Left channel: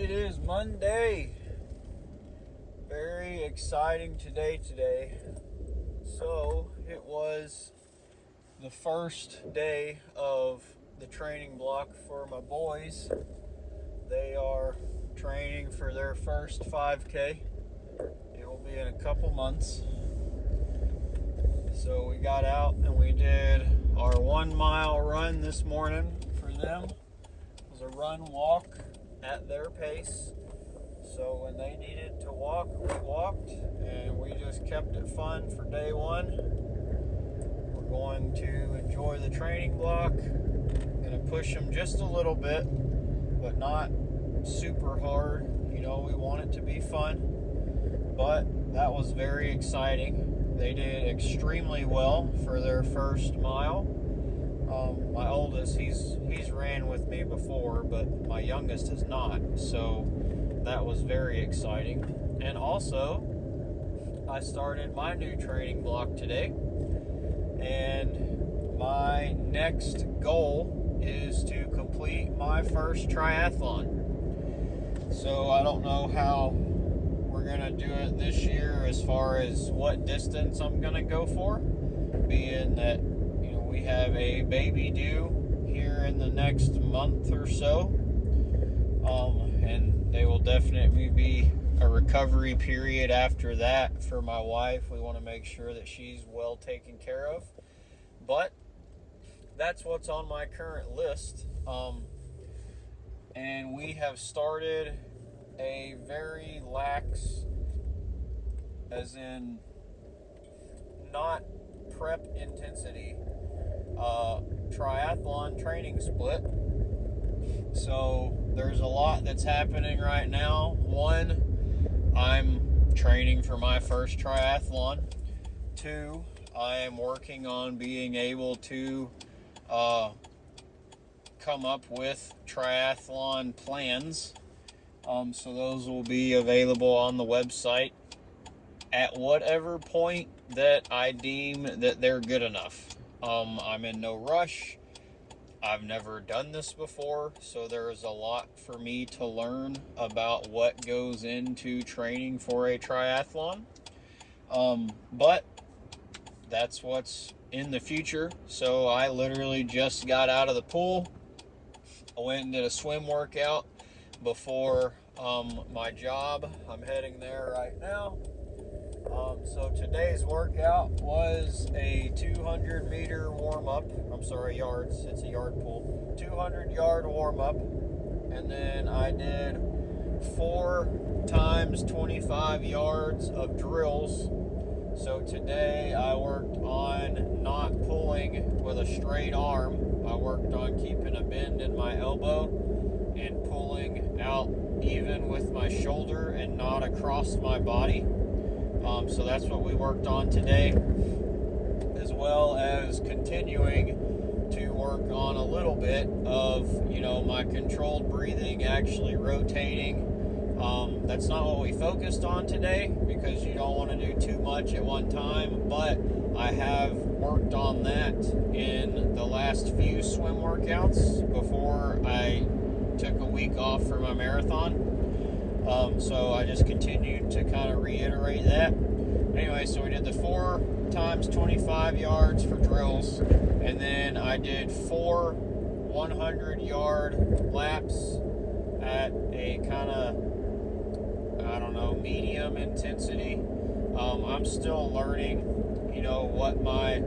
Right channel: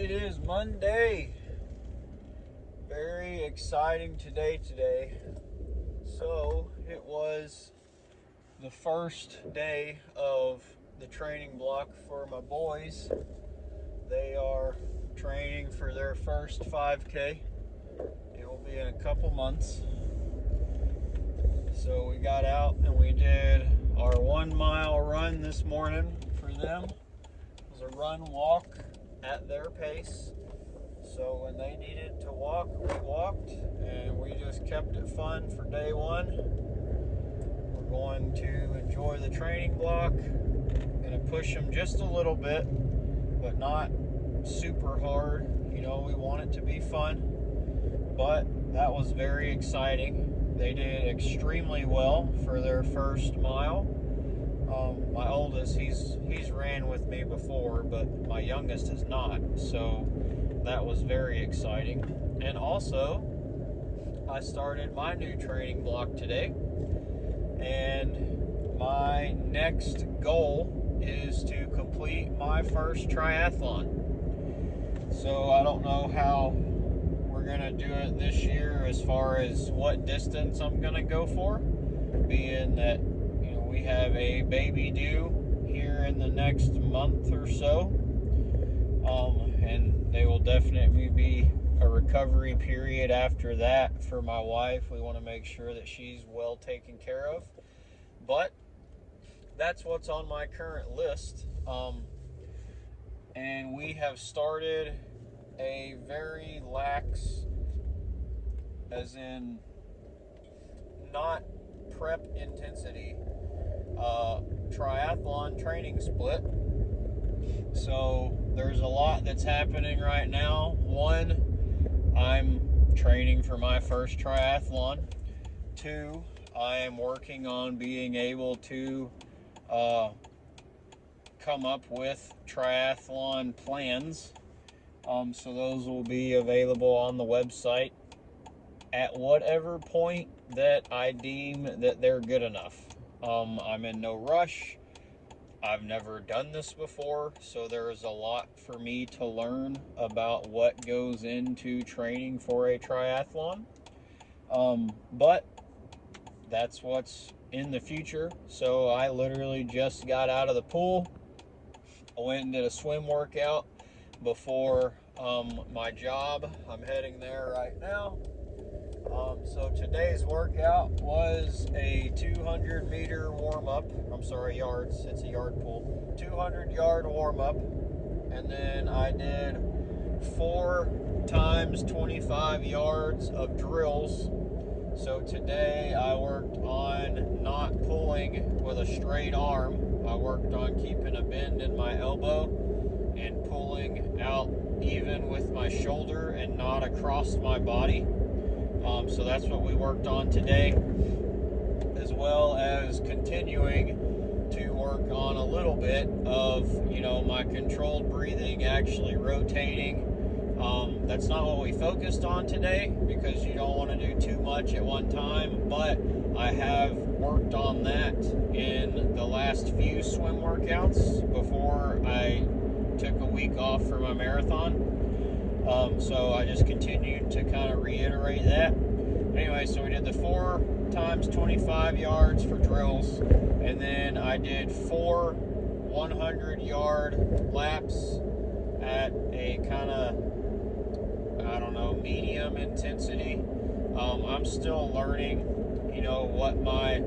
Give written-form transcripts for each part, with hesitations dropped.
It is Monday. Very exciting today. So it was the first day of the training block for my boys. They are training for their first 5K. It will be in a couple months. So we got out and we did our 1 mile run this morning for them. It was a run walk at their pace. So when they needed to walk, we walked, and we just kept it fun for day one. We're going to enjoy the training block. Gonna push them just a little bit, but not super hard. You know, we want it to be fun. But that was very exciting. They did extremely well for their first mile. My oldest, he's ran with me before, but my youngest has not. So that was very exciting. And also, I started my new training block today. And my next goal is to complete my first triathlon. So I don't know how we're gonna do it this year as far as what distance I'm gonna go for, being that we have a baby due here in the next month or so, and there will definitely be a recovery period after that for my wife. We want to make sure that she's well taken care of, but that's what's on my current list. And we have started a very lax, as in not prep intensity, triathlon training split. So there's a lot that's happening right now. One, I'm training for my first triathlon. Two, I am working on being able to come up with triathlon plans. So those will be available on the website at whatever point that I deem that they're good enough. I'm in no rush. I've never done this before, so there is a lot for me to learn about what goes into training for a triathlon. But that's what's in the future. So I literally just got out of the pool. I went and did a swim workout before my job. I'm heading there right now. So today's workout was a 200-meter warm-up. I'm sorry, yards. It's a yard pool. 200-yard warm-up. And then I did 4 times 25 yards of drills. So today I worked on not pulling with a straight arm. I worked on keeping a bend in my elbow and pulling out even with my shoulder and not across my body. So that's what we worked on today, as well as continuing to work on a little bit of, my controlled breathing, actually rotating. That's not what we focused on today because you don't want to do too much at one time, but I have worked on that in the last few swim workouts before I took a week off for my marathon. So I just continued to kind of reiterate that. Anyway, so we did the 4 times 25 yards for drills, and then I did 4 100-yard laps at a kind of, medium intensity. I'm still learning, what my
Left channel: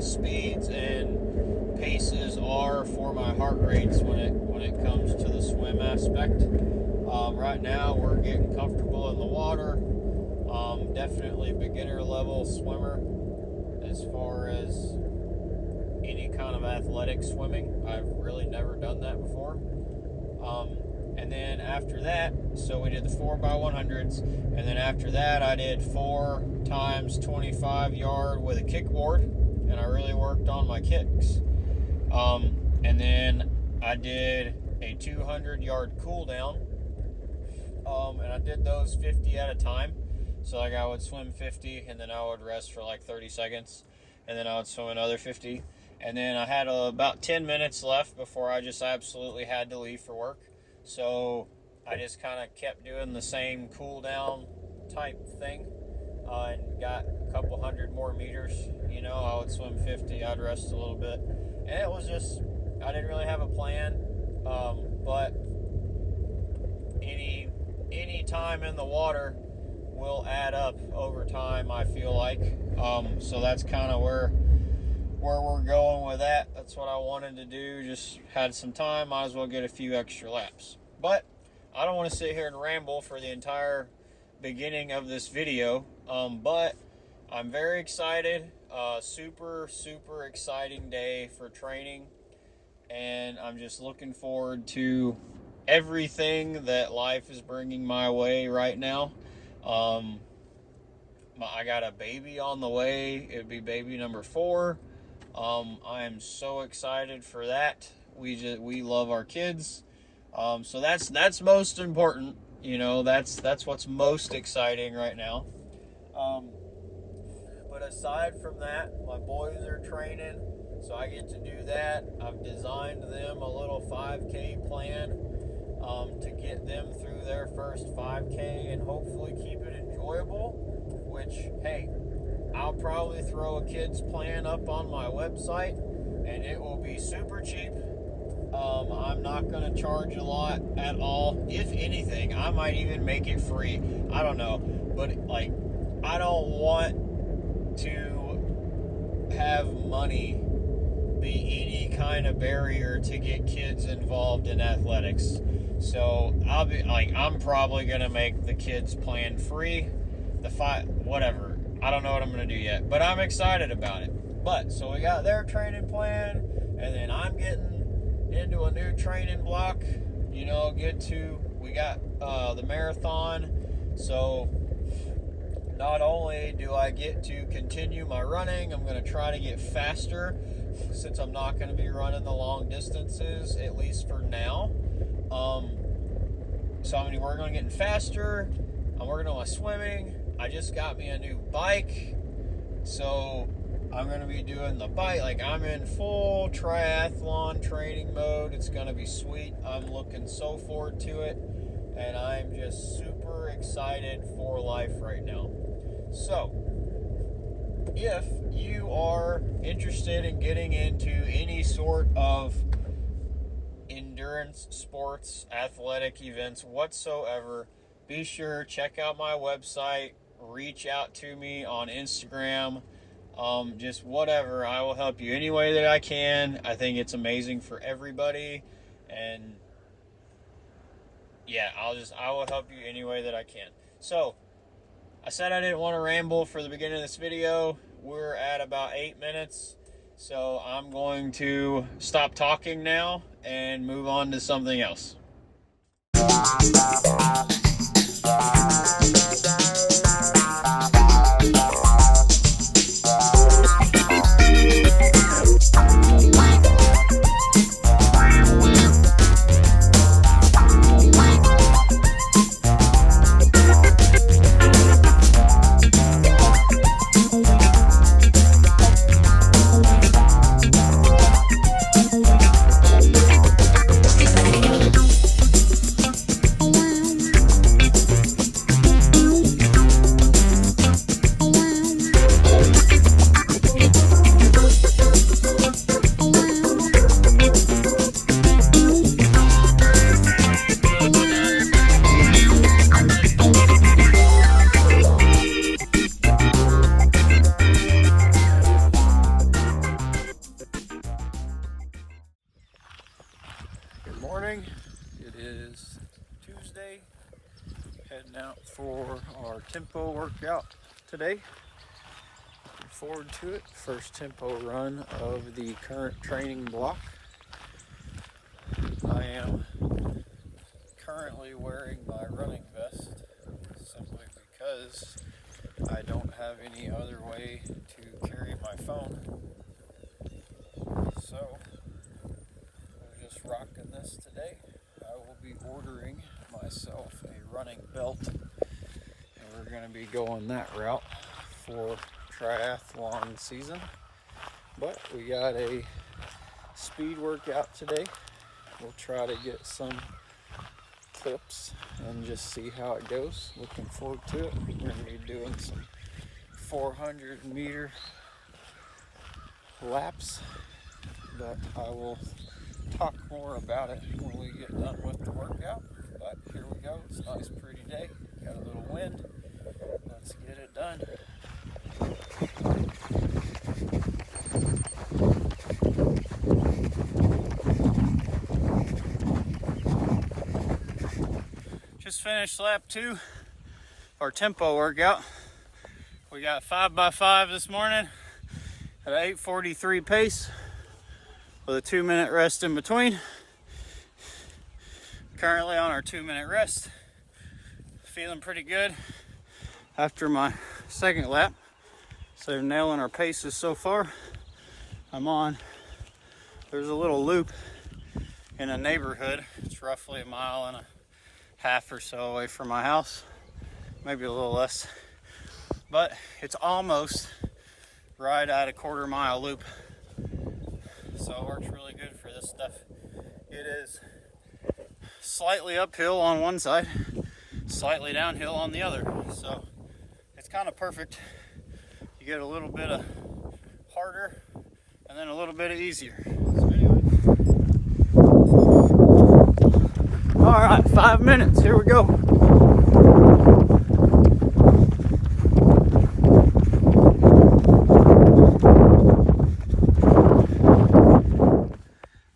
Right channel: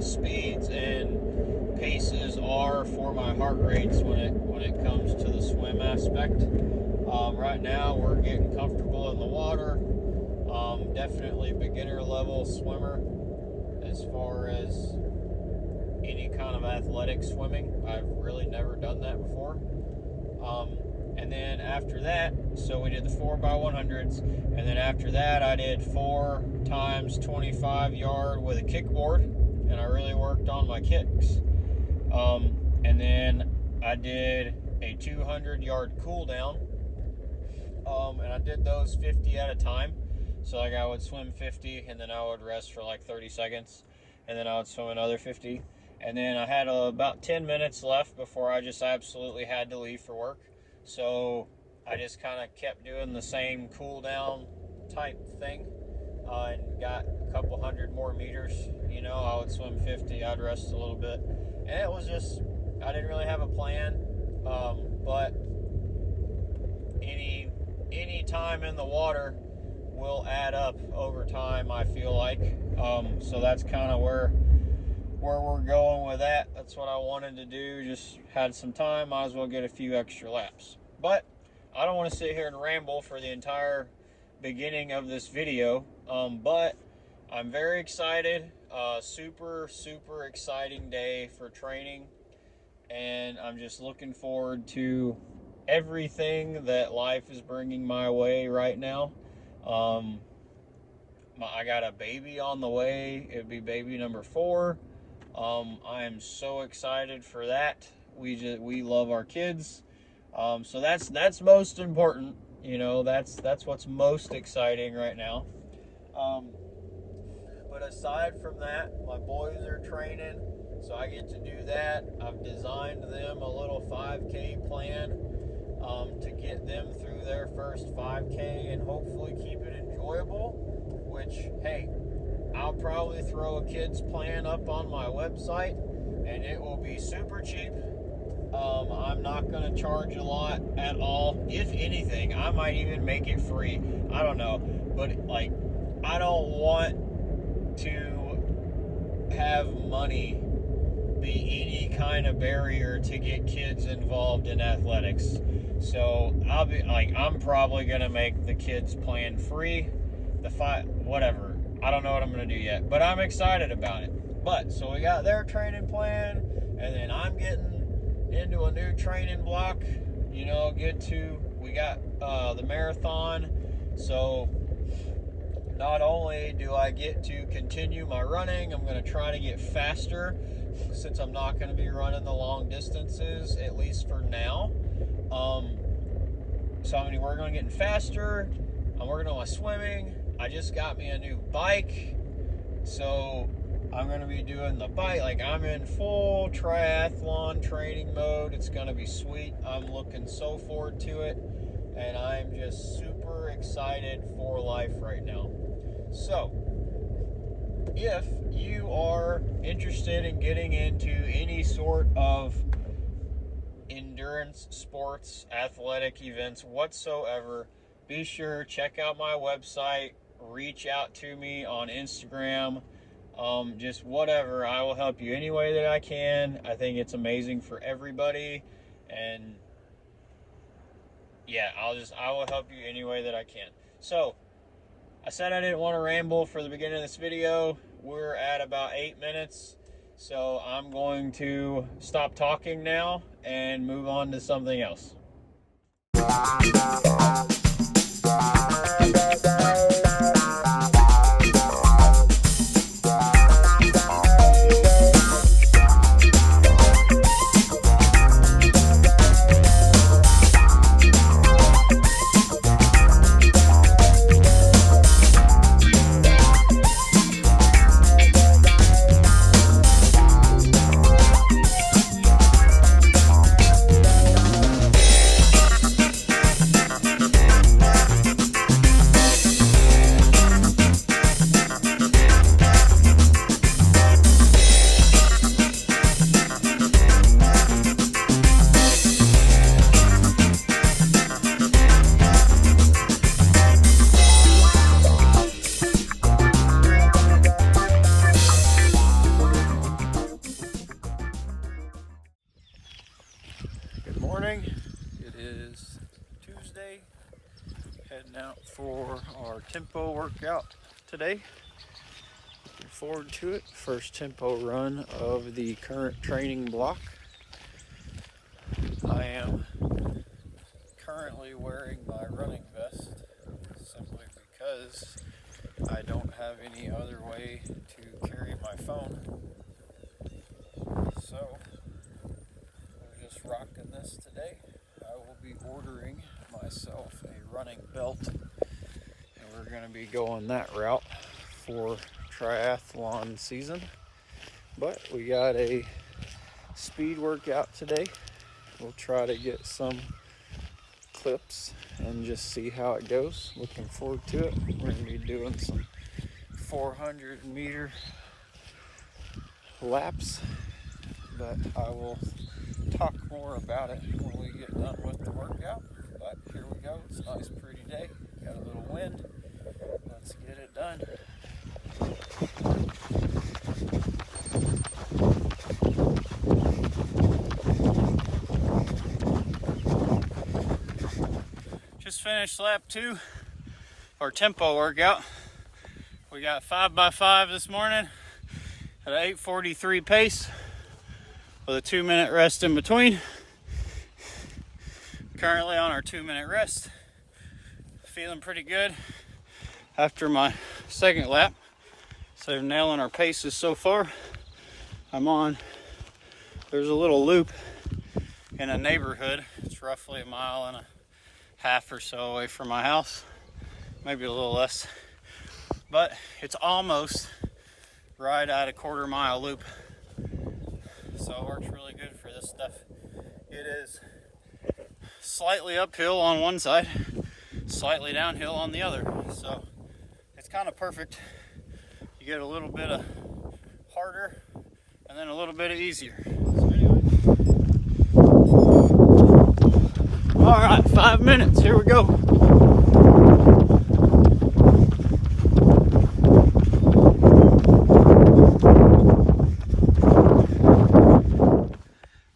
speeds and paces are for my heart rates when it comes to the swim aspect. Right now we're getting comfortable in the water. Definitely beginner level swimmer as far as any kind of athletic swimming. I've really never done that before. And then after that, so we did the 4x100s, and then after that I did 4 times 25 yard with a kickboard, and I really worked on my kicks. And then I did a 200-yard cool down, and I did those 50 at a time. So like I would swim 50, and then I would rest for like 30 seconds, and then I would swim another 50. And then I had about 10 minutes left before I just absolutely had to leave for work. So I just kind of kept doing the same cool down type thing, and got a couple hundred more meters. You know, I would swim 50, I'd rest a little bit, and it was just, I didn't really have a plan, but any time in the water will add up over time, I feel like. So that's kind of where we're going with that. That's what I wanted to do. Just had some time, might as well get a few extra laps. But I don't want to sit here and ramble for the entire beginning of this video, but I'm very excited. Super exciting day for training, and I'm just looking forward to everything that life is bringing my way right now. I got a baby on the way. It'd be baby number 4. I am so excited for that. We love our kids. So that's most important. You know, that's what's most exciting right now. But aside from that, my boys are training, so I get to do that. I've designed them a little 5K plan to get them through their first 5K and hopefully keep it enjoyable. Which, hey, I'll probably throw a kids plan up on my website, and it will be super cheap. I'm not going to charge a lot at all. If anything, I might even make it free. I don't know. But, like, I don't want to have money be any kind of barrier to get kids involved in athletics. So, I'm probably going to make the kids plan free. Whatever. I don't know what I'm going to do yet. But I'm excited about it. But, so we got their training plan, and then I'm getting into a new training block. You know, we got the marathon. So not only do I get to continue my running, I'm going to try to get faster, since I'm not going to be running the long distances, at least for now. So I'm going to be working on getting faster. I'm working on my swimming. I just got me a new bike, so I'm going to be doing the bike. Like, I'm in full triathlon training mode. It's going to be sweet. I'm looking so forward to it, and I'm just super excited for life right now. So, if you are interested in getting into any sort of endurance sports, athletic events whatsoever, be sure check out my website, reach out to me on Instagram. Just whatever, I will help you any way that I can. I think it's amazing for everybody, and yeah, I will help you any way that I can. So, I said I didn't want to ramble for the beginning of this video. We're at about 8 minutes, so I'm going to stop talking now and move on to something else. It is Tuesday, heading out for our tempo workout today. Looking forward to it. First tempo run of the current training block. I am currently wearing my running vest simply because I don't have any other way to carry my phone. So we're just rocking this today. I will be ordering myself a running belt, and we're going to be going that route for triathlon season. But we got a speed workout today. We'll try to get some clips and just see how it goes. Looking forward to it. We're going to be doing some 400-meter laps, but I will talk more about it when we get done with the workout. But here we go. It's a nice pretty day. Got a little wind. Let's get it done. Just finished lap 2, our tempo workout. We got 5x5 this morning at an 8:43 pace with a 2-minute rest in between. Currently on our 2-minute rest. Feeling pretty good after my second lap. So nailing our paces so far. There's a little loop in a neighborhood. It's roughly 1.5 miles or so away from my house. Maybe a little less. But it's almost right at a 1/4 mile loop. So it works really good for this stuff. It is slightly uphill on one side, slightly downhill on the other. So it's kind of perfect. You get a little bit of harder and then a little bit of easier. So anyway. All right, 5 minutes. Here we go.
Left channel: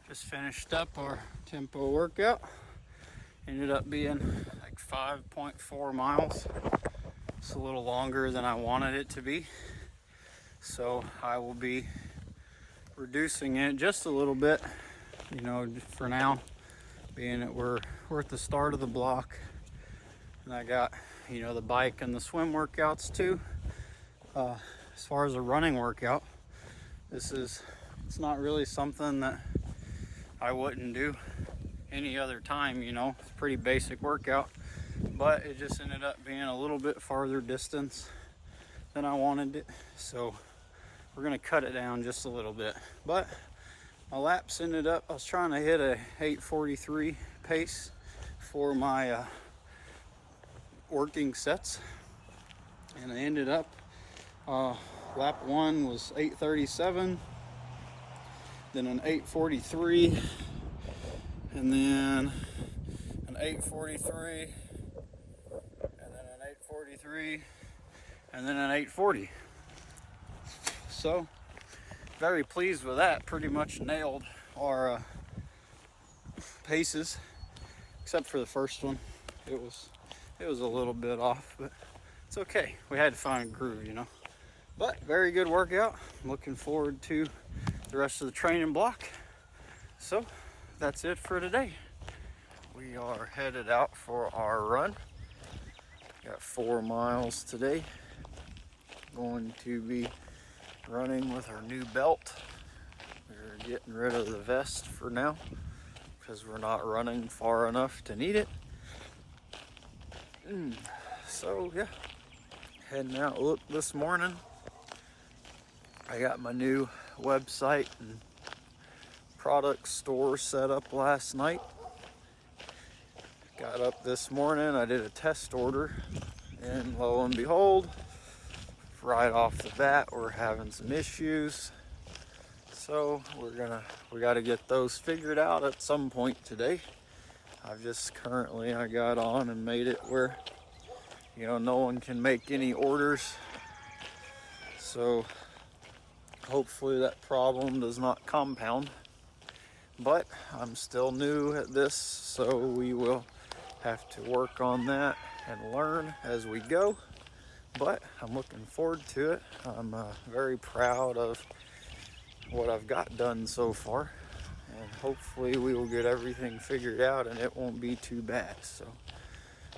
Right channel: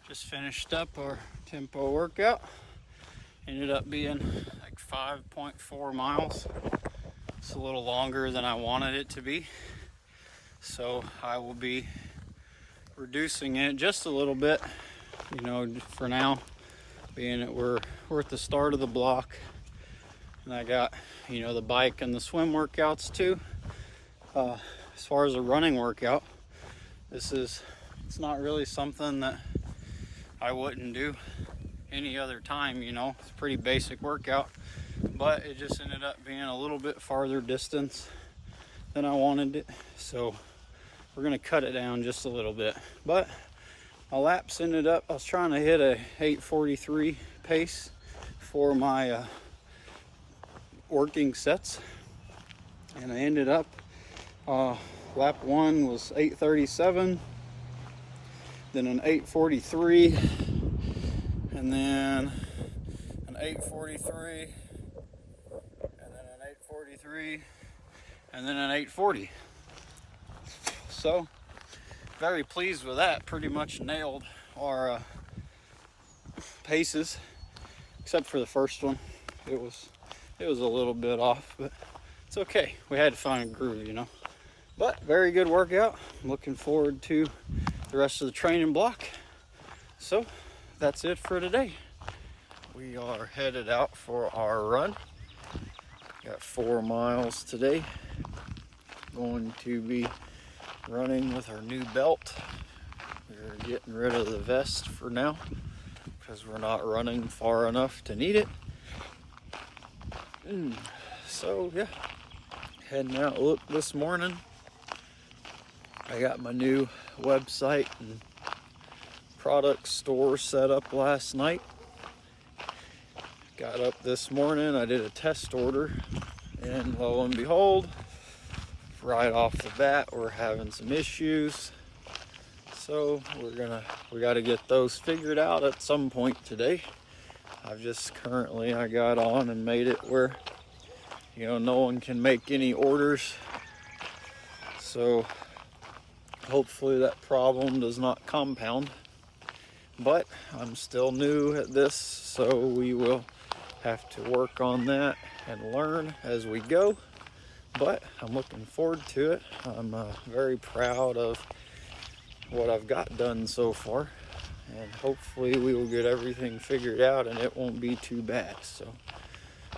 Just finished up our tempo workout. Ended up being like 5.4 miles. It's a little longer than I wanted it to be. So I will be reducing it just a little bit, for now, being that we're at the start of the block. And I got, the bike and the swim workouts too. As far as a running workout, it's not really something that I wouldn't do any other time, It's a pretty basic workout, but it just ended up being a little bit farther distance than I wanted it. So we're gonna cut it down just a little bit. But my laps ended up, I was trying to hit a 8:43 pace for my working sets, and I ended up lap 1 was 8:37, then an 8:43, and then an 8:43, and then an 8:43, and then an 8:40. So very pleased with that. Pretty much nailed our paces, except for the first one. It was a little bit off, but it's okay. We had to find a groove, But very good workout. I'm looking forward to the rest of the training block. So that's it for today. We are headed out for our run. Got 4 miles today. Going to be running with our new belt. We're getting rid of the vest for now because we're not running far enough to need it. So yeah, heading out. Look, this morning I got my new website and product store set up last night. Got up this morning, I did a test order, and lo and behold, right off the bat, we're having some issues. So we got to get those figured out at some point today. I got on and made it where, no one can make any orders. So hopefully that problem does not compound. But I'm still new at this, so we will have to work on that and learn as we go. But I'm looking forward to it. I'm very proud of what I've got done so far, and hopefully we will get everything figured out and it won't be too bad. So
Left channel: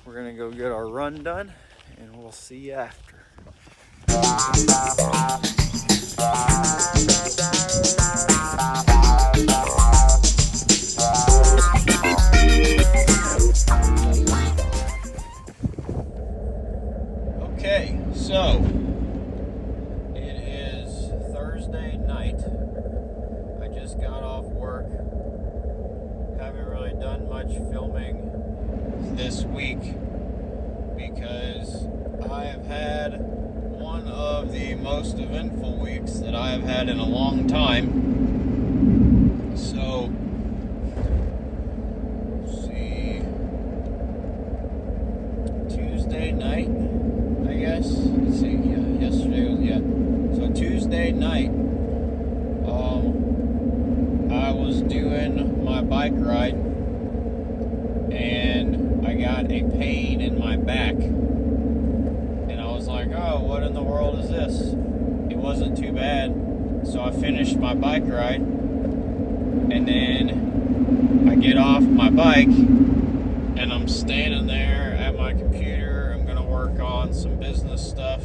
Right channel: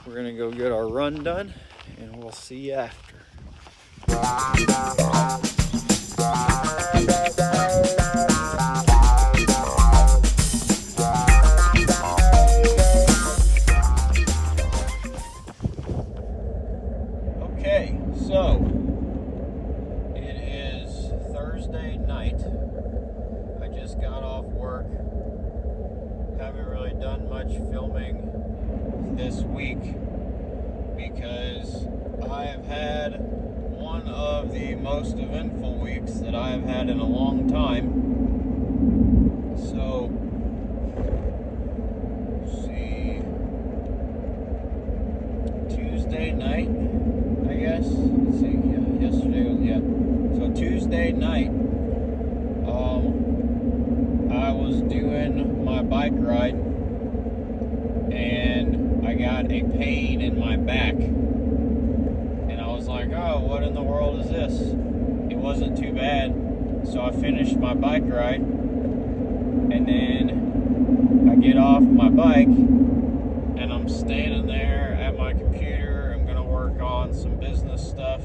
we're gonna go get our run done, and we'll see you after. Okay, so it is Thursday night. I just got off work. Haven't really done much filming this week because I have had one of the most eventful weeks that I have had in a long time. So, let's see, Tuesday night, I guess. Let's see, yeah, yesterday was, yeah. So Tuesday night, I was doing my bike ride and I got a pain in my back. And I was like, oh, what in the world is this? It wasn't too bad. So I finished my bike ride and then I get off my bike and I'm standing there at my computer. I'm going to work on some business stuff.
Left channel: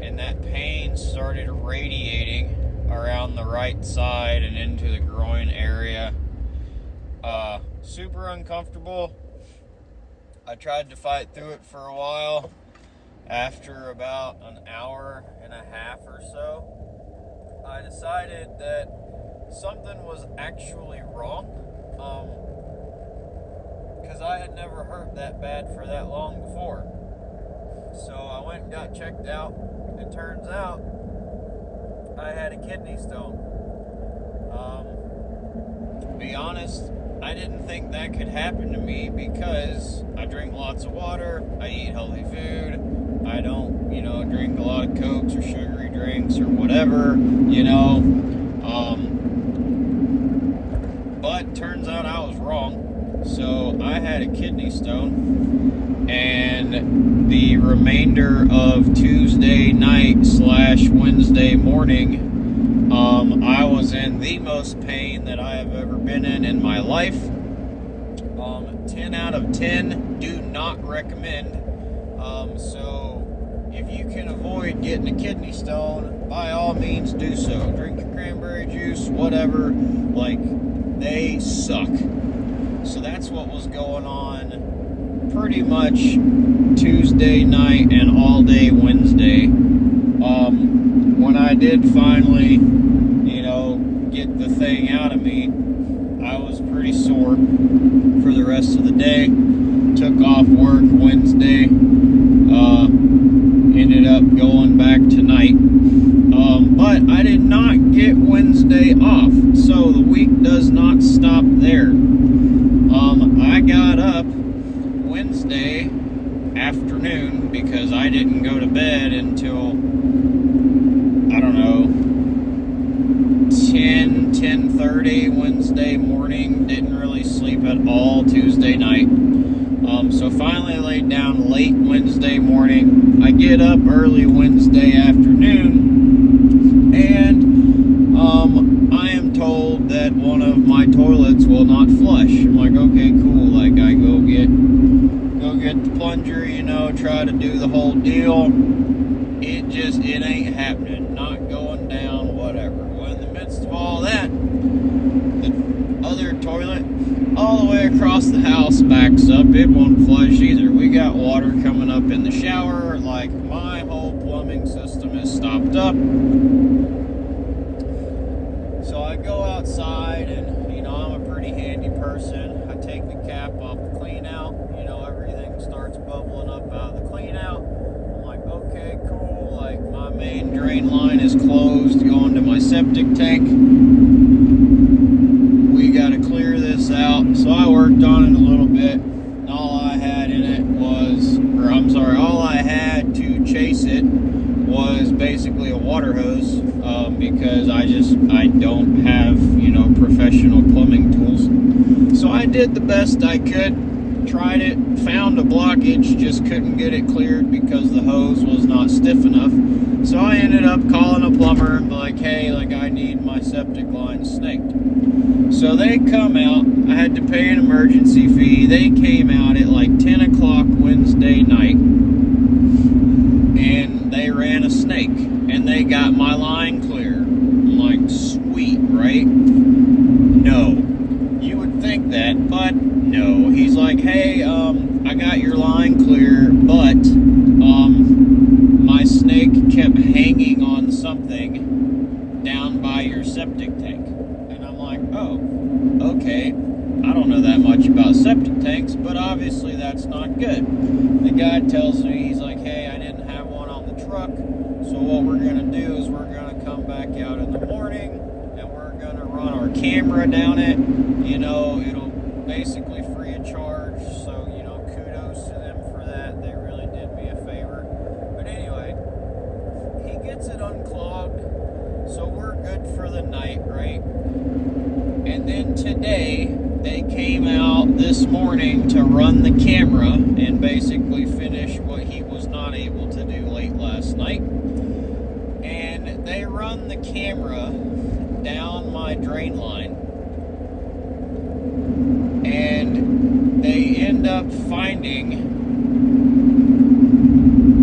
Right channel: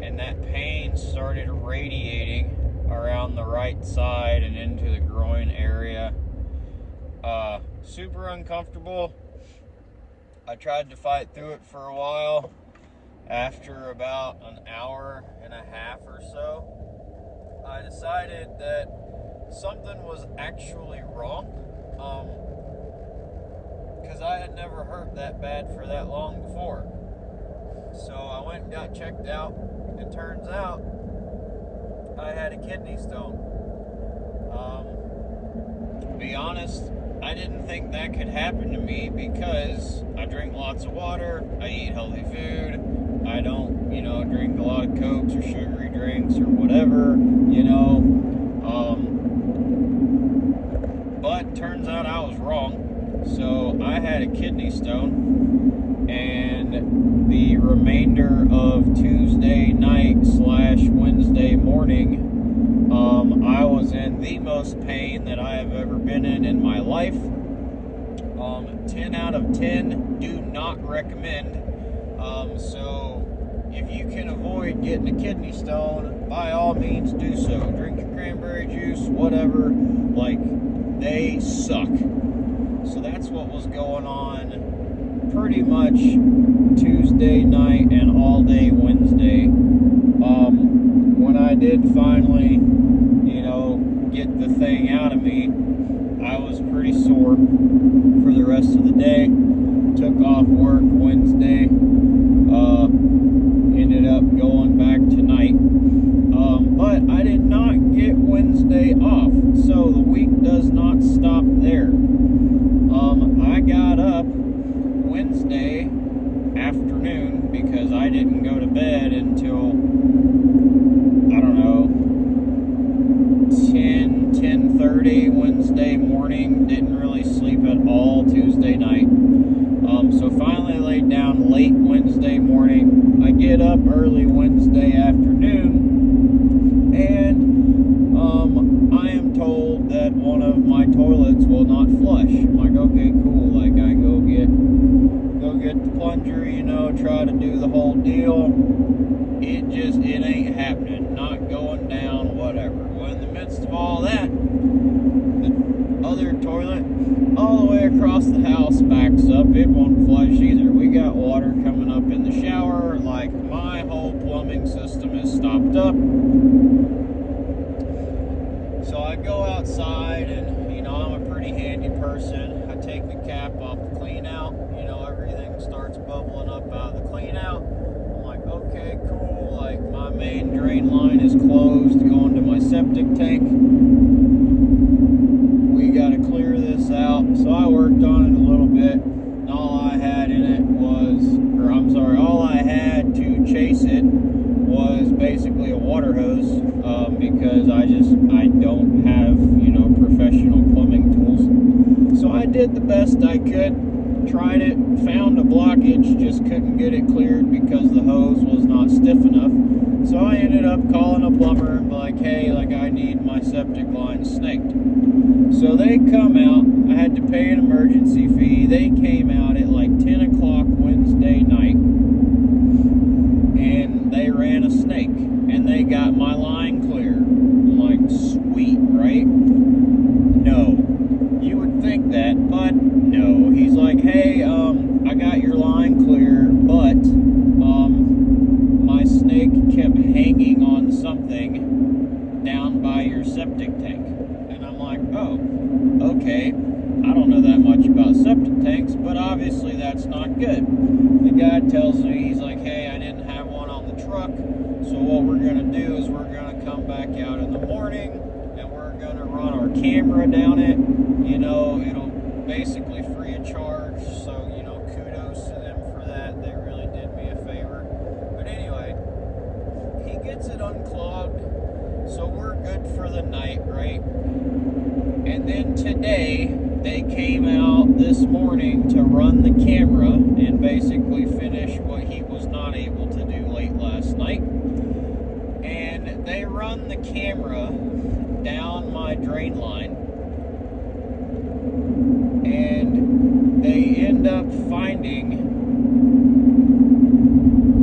And that pain started radiating around the right side and into the groin area. Super uncomfortable. I tried to fight through it for a while. After about an hour and a half or so, I decided that something was actually wrong. Because I had never hurt that bad for that long before. So I went and got checked out. It turns out I had a kidney stone. To be honest, I didn't think that could happen to me because I drink lots of water, I eat healthy food, I don't, drink a lot of Cokes or sugary drinks or whatever, but turns out I was wrong. So I had a kidney stone, and the remainder of Tuesday night / Wednesday morning, I was in the most pain that I have ever been in my life. 10 out of 10, do not recommend. So if you can avoid getting a kidney stone, by all means do so. Drink your cranberry juice, whatever. Like, they suck. So that's what was going on pretty much Tuesday night and all day Wednesday. When I did finally, get the thing out of me, I was pretty sore for the rest of the day. Took off work Wednesday. Ended up going back tonight. But I did not get Wednesday off, so the week does not stop there. I got up Wednesday afternoon because I didn't go to bed until, 10:30 Wednesday morning. Didn't really sleep at all Tuesday night. So finally laid down late Wednesday morning. I get up early Wednesday afternoon, and I am told that one of my toilets will not flush. I'm like, okay, cool. Like, I go get the plunger, try to do the whole deal. It ain't happening. Not going down, whatever. Well, in the midst of all that, the other toilet all the way across the house backs up. It won't flush either. We got water coming up in the shower. Like, my whole plumbing system is stopped up. So I go outside and, I'm a pretty handy person. I take the cap off the clean out. Everything starts bubbling up out of the clean out. I'm like, okay, cool. Like, my main drain line is closed going to my septic tank. We got to clear this out. So I worked on it a little bit. And all I had in it all I had to chase it was basically a water hose, because I don't have, professional plumbing tools. So I did the best I could, tried it, found a blockage, just couldn't get it cleared because the hose was not stiff enough. So I ended up calling a plumber and like, hey, I need my septic line snaked. So they come out. I had to pay an emergency fee. They came out at 10 o'clock Wednesday night, and they ran a snake, and they got my line clear. I'm like, sweet, right? No. You would think that, but no. He's like, hey, I got your line clear, but my snake kept hanging on something down by your septic tank. And I'm like, oh, okay. I don't know that much about septic tanks, but obviously that's not good. The guy tells me, he's like, hey, I didn't have one on the truck, so what we're going to do is we're going to come back out in the morning, and we're going to run our camera down it. You know, it'll basically free of charge, so, you know, kudos to them for that. They really did me a favor. But anyway, he gets it unclogged, so we're good for the night, right? And then today, they came out this morning to run the camera and basically finish what he was not able to do late last night. And they run the camera down my drain line, and they end up finding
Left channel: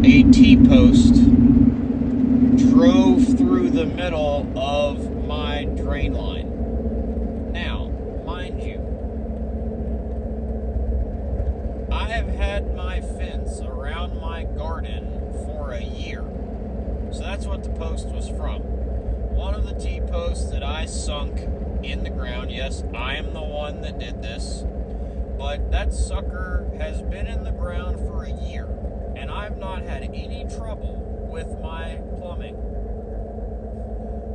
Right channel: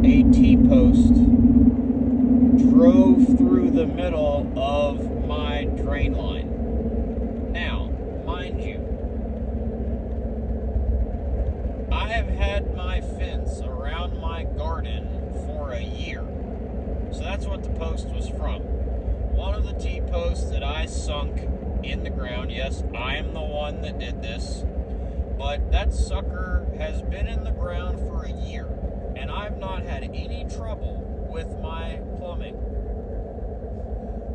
a T-post drove through the middle of my drain line. Now, mind you, I have had my fence around my garden for a year. So that's what the post was from. One of the T-posts that I sunk in the ground. Yes, I am the one that did this. But that sucker has been in the ground for a year. And I've not had any trouble with my plumbing.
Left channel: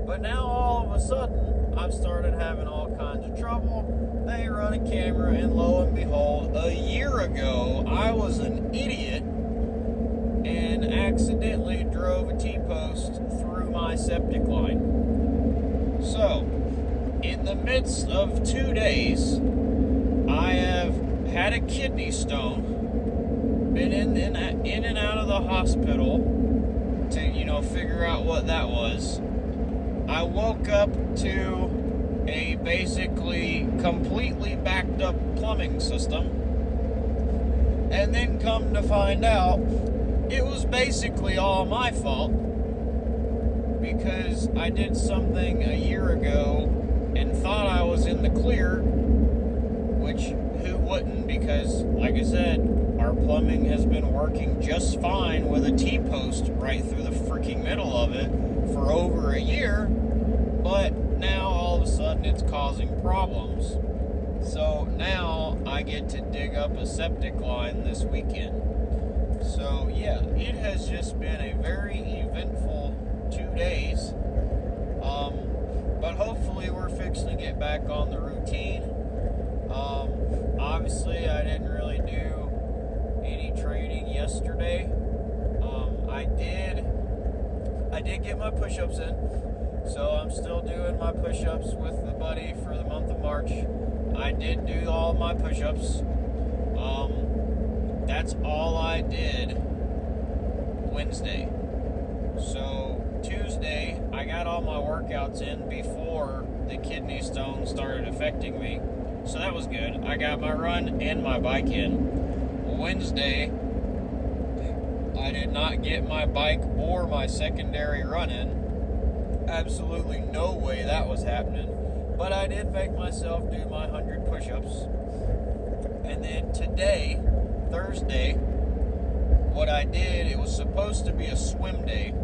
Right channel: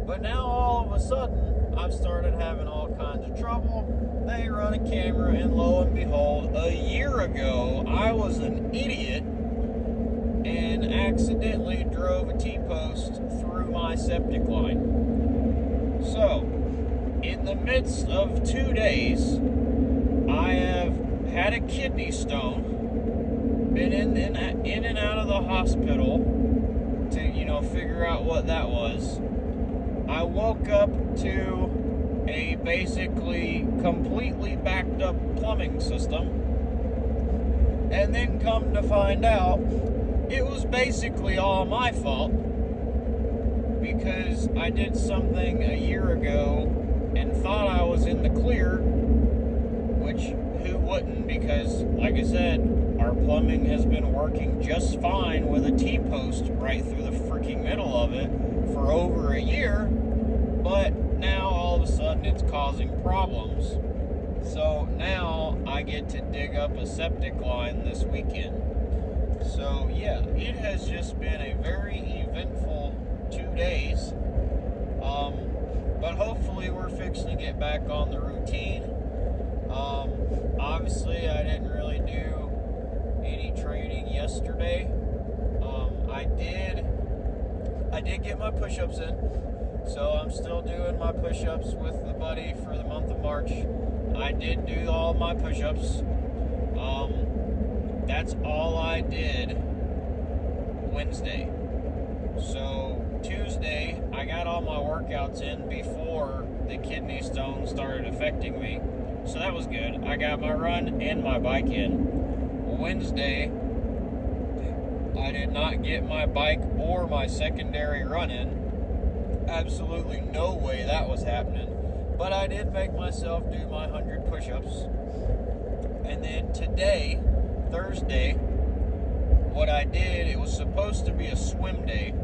But now all of a sudden, I've started having all kinds of trouble. They run a camera, and lo and behold, a year ago, I was an idiot and accidentally drove a T-post through my septic line. So, in the midst of 2 days, I have had a kidney stone, been in and out of the hospital to, you know, figure out what that was. I woke up to a basically completely backed up plumbing system, and then come to find out it was basically all my fault because I did something a year ago and thought I was in the clear, which who wouldn't, because like I said, our plumbing has been working just fine with a T-post right through the freaking middle of it for over a year. But now all of a sudden it's causing problems. So now I get to dig up a septic line this weekend. So yeah, it has just been a very eventful 2 days. But hopefully we're fixing to get back on the routine. Obviously I didn't really do any training yesterday. I did get my push-ups in. So I'm still doing my push-ups with the buddy for the month of March. I did do all my push-ups. That's all I did Wednesday. So Tuesday, I got all my workouts in before the kidney stone started affecting me. So that was good. I got my run and my bike in. Wednesday, I did not get my bike or my secondary run in. Absolutely no way that was happening. But I did make myself do my 100 push-ups. And then today, Thursday, what I did, it was supposed to be a swim day,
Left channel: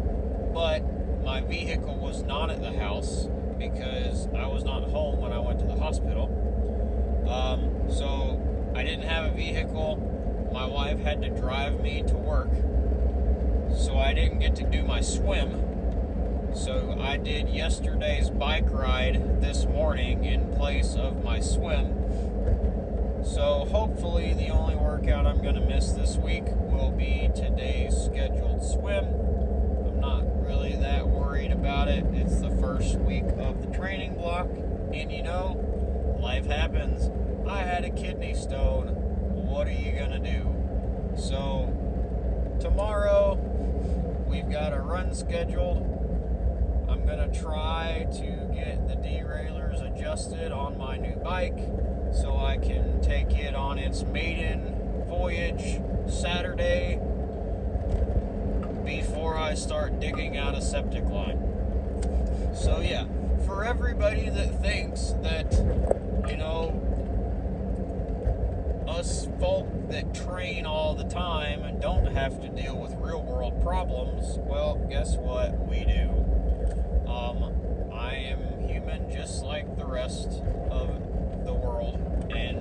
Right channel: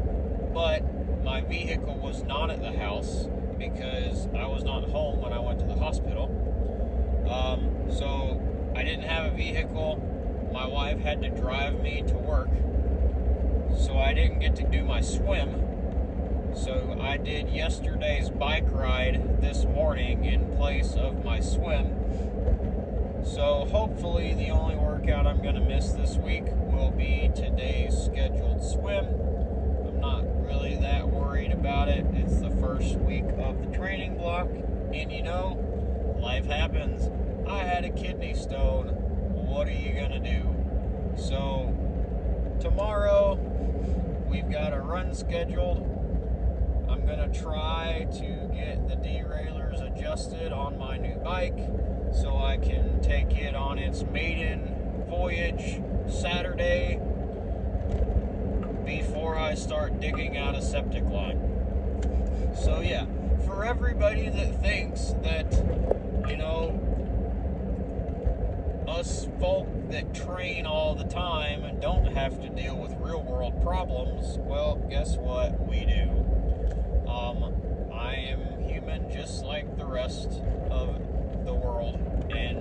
but my vehicle was not at the house because I was not home when I went to the hospital. So I didn't have a vehicle. My wife had to drive me to work. So I didn't get to do my swim. So I did yesterday's bike ride this morning in place of my swim. So hopefully the only workout I'm going to miss this week will be today's scheduled swim. I'm not really that worried about it. It's the first week of the training block. And you know, life happens. I had a kidney stone. What are you going to do? So tomorrow we've got a run scheduled. I'm going to try to get the derailleurs adjusted on my new bike so I can take it on its maiden voyage Saturday before I start digging out a septic line. So yeah, for everybody that thinks that, you know, us folk that train all the time and don't have to deal with real world problems, well, guess what? We do. I am human just like the rest of the world, and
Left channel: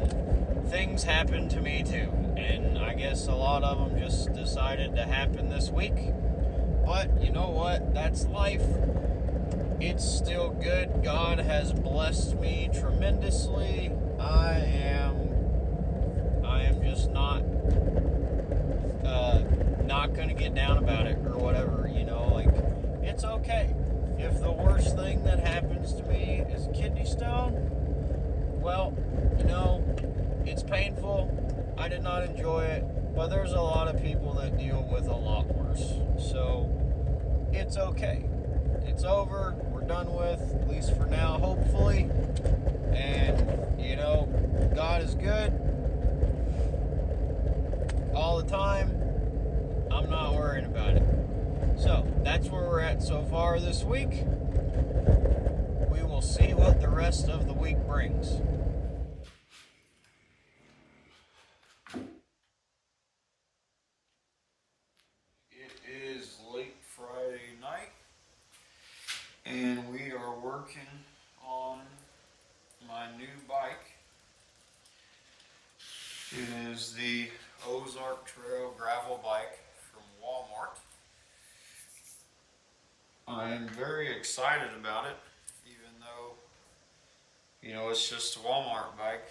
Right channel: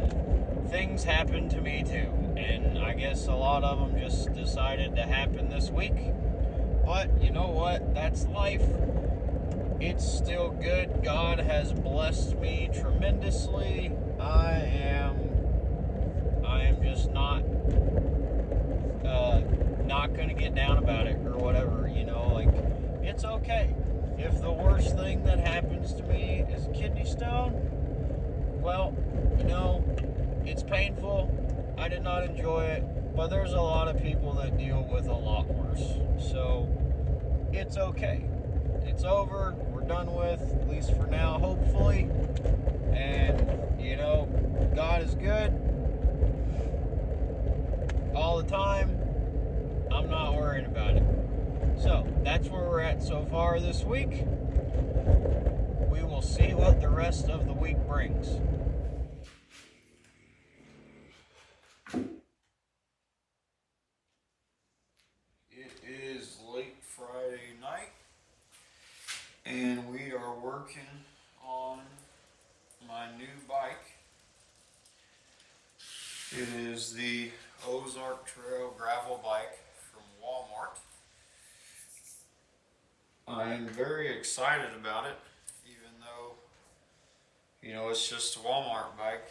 things happen to me too, and I guess a lot of them just decided to happen this week. But you know what? That's life. It's still good. God has blessed me tremendously. I am just not gonna get down about it or whatever. Like, it's okay. If the worst thing that happens to me is a kidney stone, well, it's painful. I did not enjoy it, but there's a lot of people that deal with a lot worse. So it's okay. It's over. We're done with, at least for now, hopefully. And, God is good all the time. I'm not worrying about it. So that's where we're at so far this week. We will see what the rest of the week brings. It is late Friday night, and we are working on my new bike. It is the Ozark Trail gravel bike from Walmart. I am very excited about it, even though, it's just a Walmart bike.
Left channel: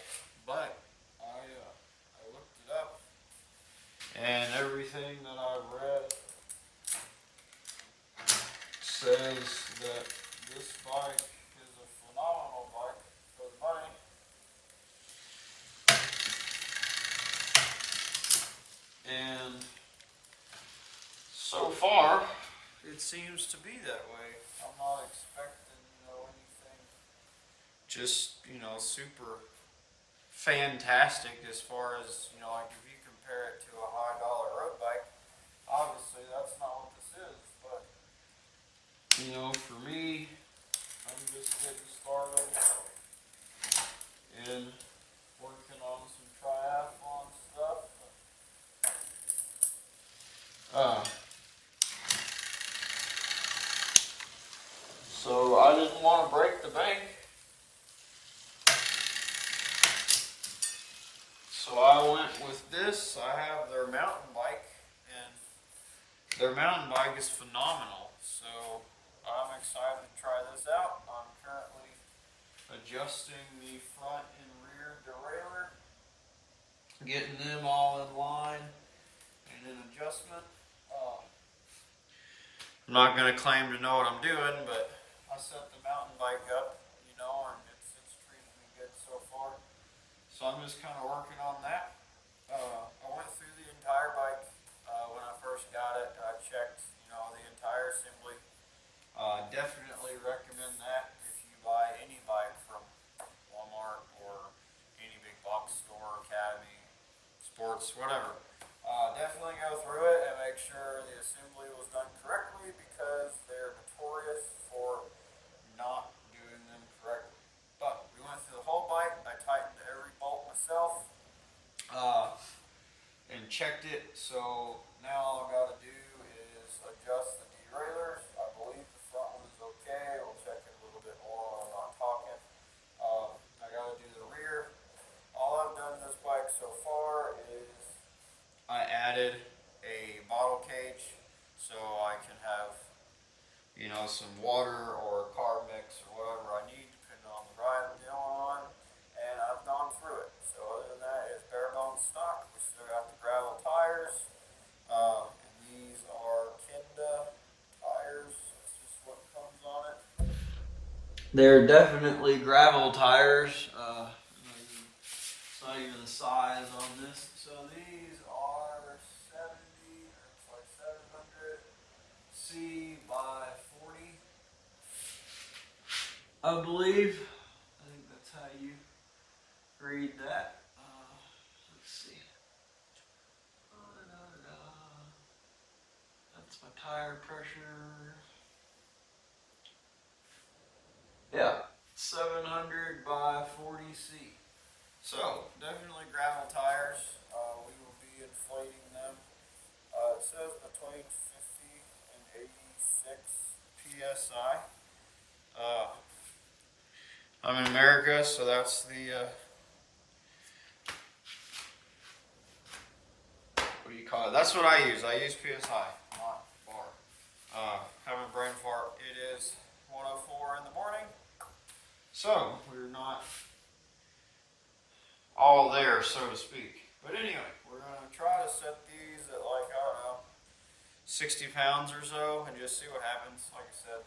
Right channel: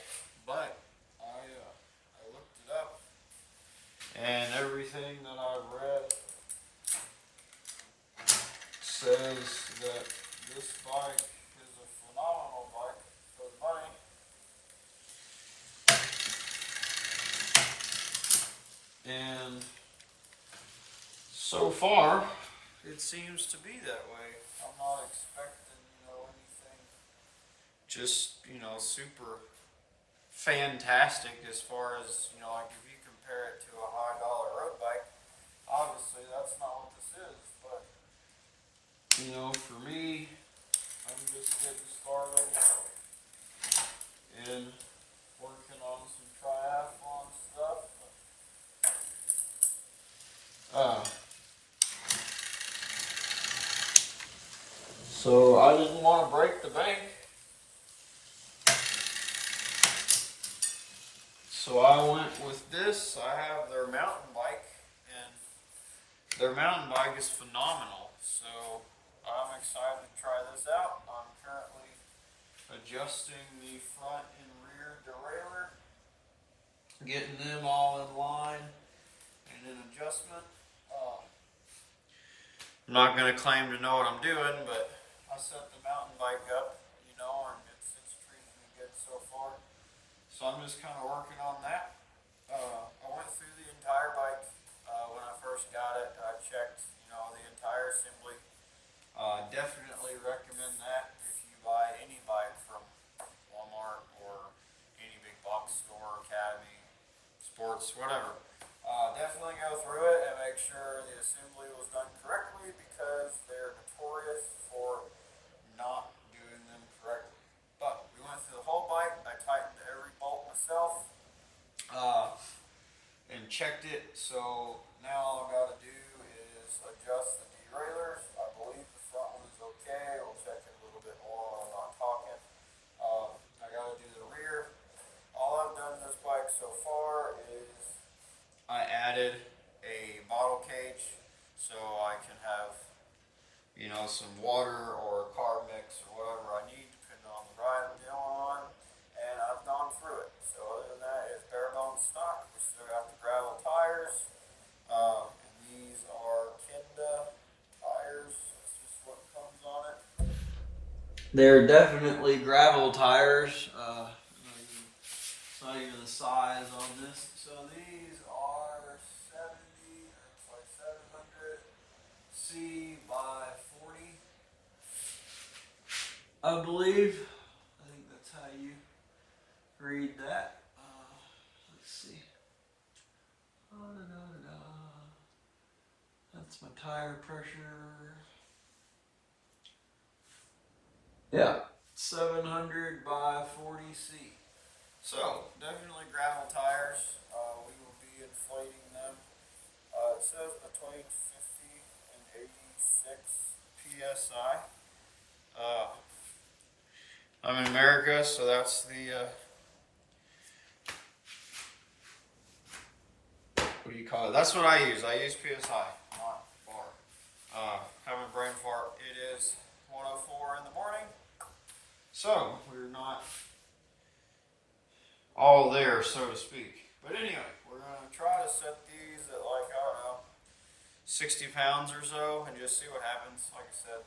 But I looked it up, and everything that I've read says that this bike is a phenomenal bike for the money. And so far, it seems to be that way. I'm not expecting, anything just, super fantastic as far as, like if you compare it to a high dollar road bike. Obviously, that's not what this is, but, for me, I'm just getting started and working on some triathlon stuff. So I didn't want to break the bank. So I went with this. I have their mountain bike, and their mountain bike is phenomenal. So I'm excited to try this out. I'm currently adjusting the front and rear derailleur, getting them all in line and in adjustment. I'm not going to claim to know what I'm doing, but I set the mountain bike up, and it's treated me good so far. So I'm just kind of working on that. I went through the entire bike when I first got it. I checked, the entire assembly. Definitely recommend that if you buy any bike from Walmart or any big box store, Academy, Sports, whatever. Definitely go through it and make sure the assembly was done correctly, because they're notorious for not doing them correctly. But we went through the whole bike. I tightened every bolt myself and checked it. So now all I've got to do is adjust the derailleurs. I believe the front one is okay. We'll check it a little bit more when I'm not talking. I got to do the rear. All I've done this bike so far is I added a bottle cage so I can have, some water or carb mix or whatever I need, depending on the ride I'm on. And I've gone through it. So other than that, it's bare bones stock. We still got the gravel tires. And these are Kenda tires. This is what comes on it. They're definitely gravel tires. Tell you the size on this. So these are 700 C by 40, I believe. I think that's how you read that. Let's see. That's my tire pressure. Yeah, 700 by 40 C. So, definitely gravel tires. We will be inflating them. It says between 50 and 86 PSI. I'm in America, so that's the That's what I use. I use PSI, not bar. Having a brain fart. It is 1:04 in the morning, so we're not all there, so to speak. But anyway, we're gonna try to set these at like, I don't know, 60 pounds or so, and just see what happens. Like I said,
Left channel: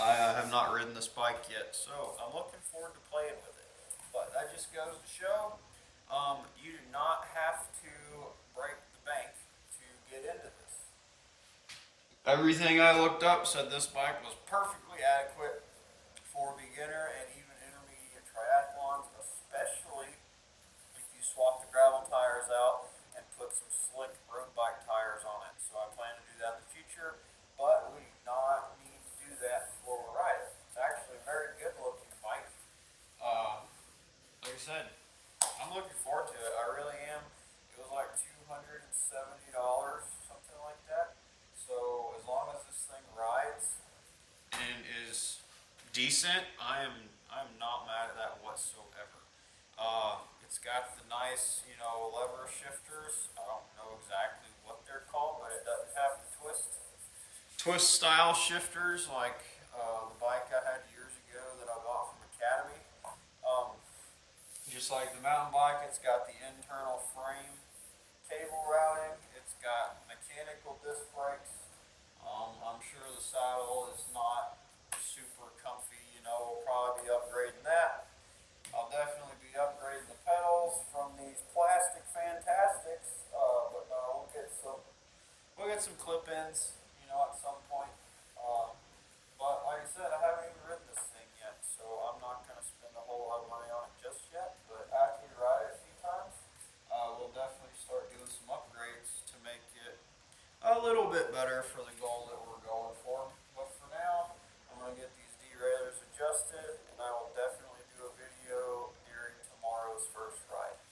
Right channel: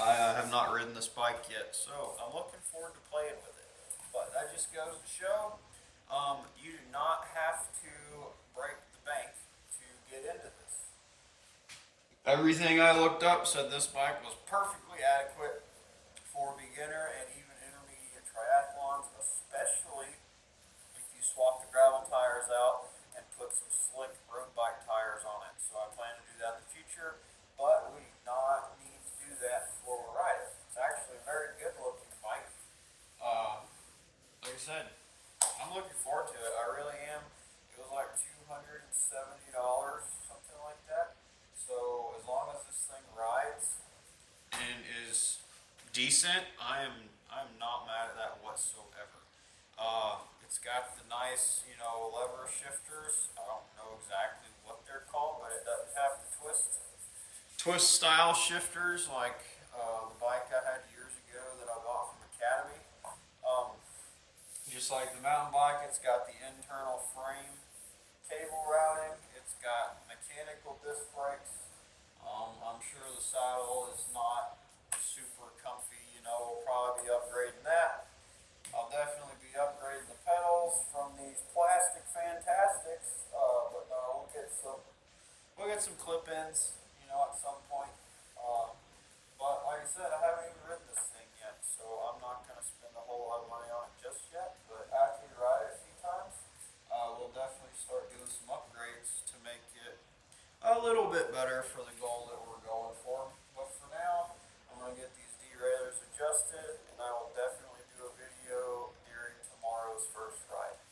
I have not ridden this bike yet, so I'm looking forward to playing with it. But that just goes to show, you do not have to break the bank to get into this. Everything I looked up said this bike was perfectly adequate for beginner and even intermediate triathlons, especially if you swap the gravel tires out and put some slick road bike tires on it. So I plan to do that in the future, but we do not need to do that before we ride it. It's actually a very good looking bike. Like I said, I'm looking forward to it. I really am. It was like $270, something like that. So as long as this thing rides and is decent, I'm not mad at that whatsoever. It's got the nice, lever shifters. I don't know exactly what they're called, but it doesn't have the twist style shifters like the bike I had years ago that I bought from Academy. Just like the mountain bike, it's got the internal frame table routing. It's got mechanical disc brakes. I'm sure the saddle is not super comfy. We'll probably be upgrading that. I'll definitely be upgrading the pedals from these plastic Fantastics. But no, we'll get some clip-ins, at some point. But like I said, I haven't even ridden this thing yet, so I'm not going to spend a whole lot of money on it just yet. But after you ride it a few times, we'll definitely start doing some upgrades to make it a little bit better for the goal that we're going for. But for now, I'm going to get these derailleurs adjusted, and I will definitely do a video during tomorrow's first ride.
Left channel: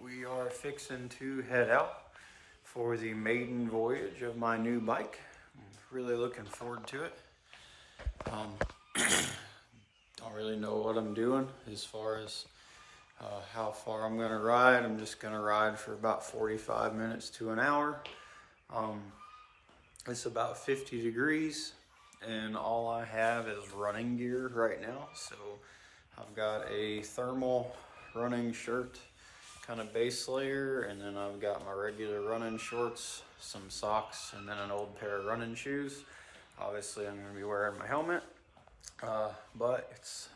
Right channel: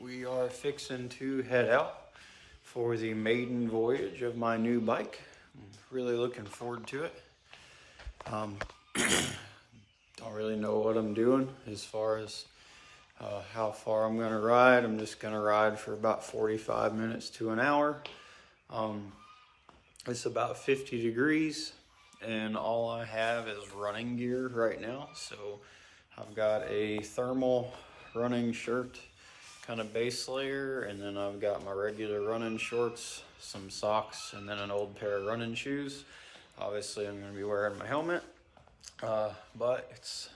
We are fixing to head out for the maiden voyage of my new bike. I'm really looking forward to it. Don't really know what I'm doing as far as how far I'm gonna ride. I'm just gonna ride for about 45 minutes to an hour. It's about 50 degrees and all I have is running gear right now. So I've got a thermal running shirt, kind of base layer, and then I've got my regular running shorts, some socks, and then an old pair of running shoes. Obviously I'm going to be wearing my helmet, but it's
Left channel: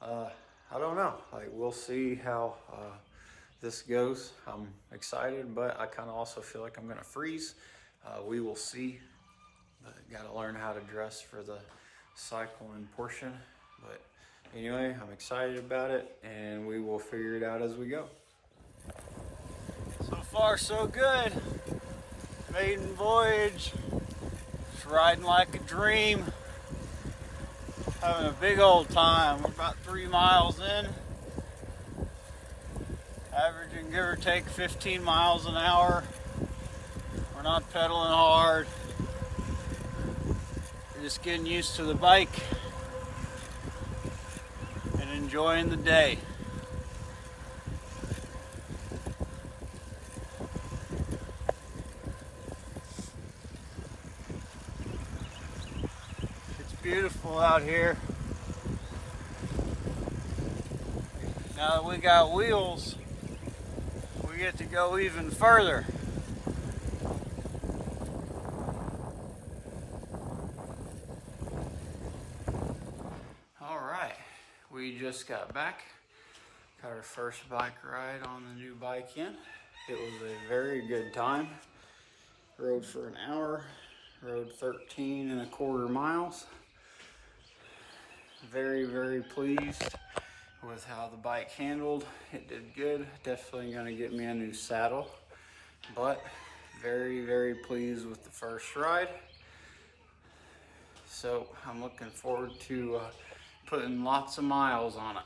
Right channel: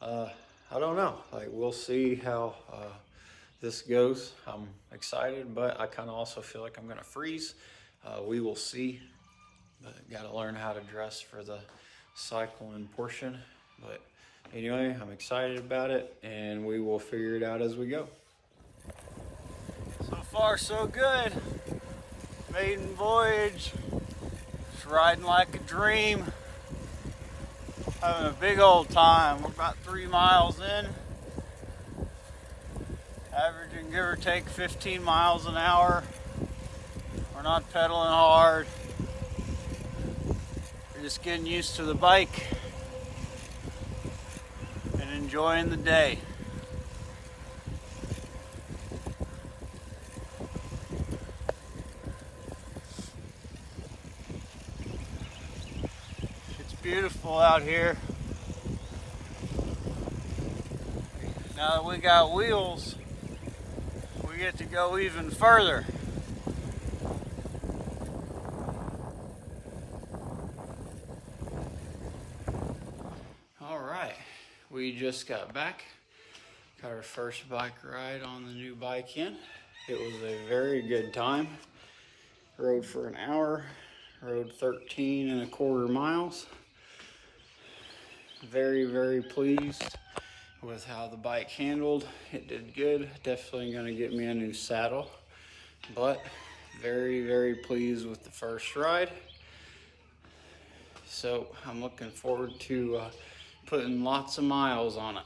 I don't know, we'll see how this goes. I'm excited, but I kind of also feel like I'm going to freeze. We will see, but got to learn how to dress for the cycling portion. But anyway, I'm excited about it, and we will figure it out as we go. So far, so good. Maiden voyage. Just riding like a dream. Having a big old time. We're about 3 miles in. Averaging, give or take, 15 miles an hour. We're not pedaling hard. We're just getting used to the bike and enjoying the day. Beautiful out here. Now that we got wheels, we get to go even further. All right, we just got back. Got our first bike ride on the new bike in. It was a very good time. Rode for an hour, rode 13.25 miles. Very, very pleased with how the bike handled. It did good. Definitely gonna get me a new saddle, but very, very pleased with the first ride. So I'm looking forward to putting lots of miles on it.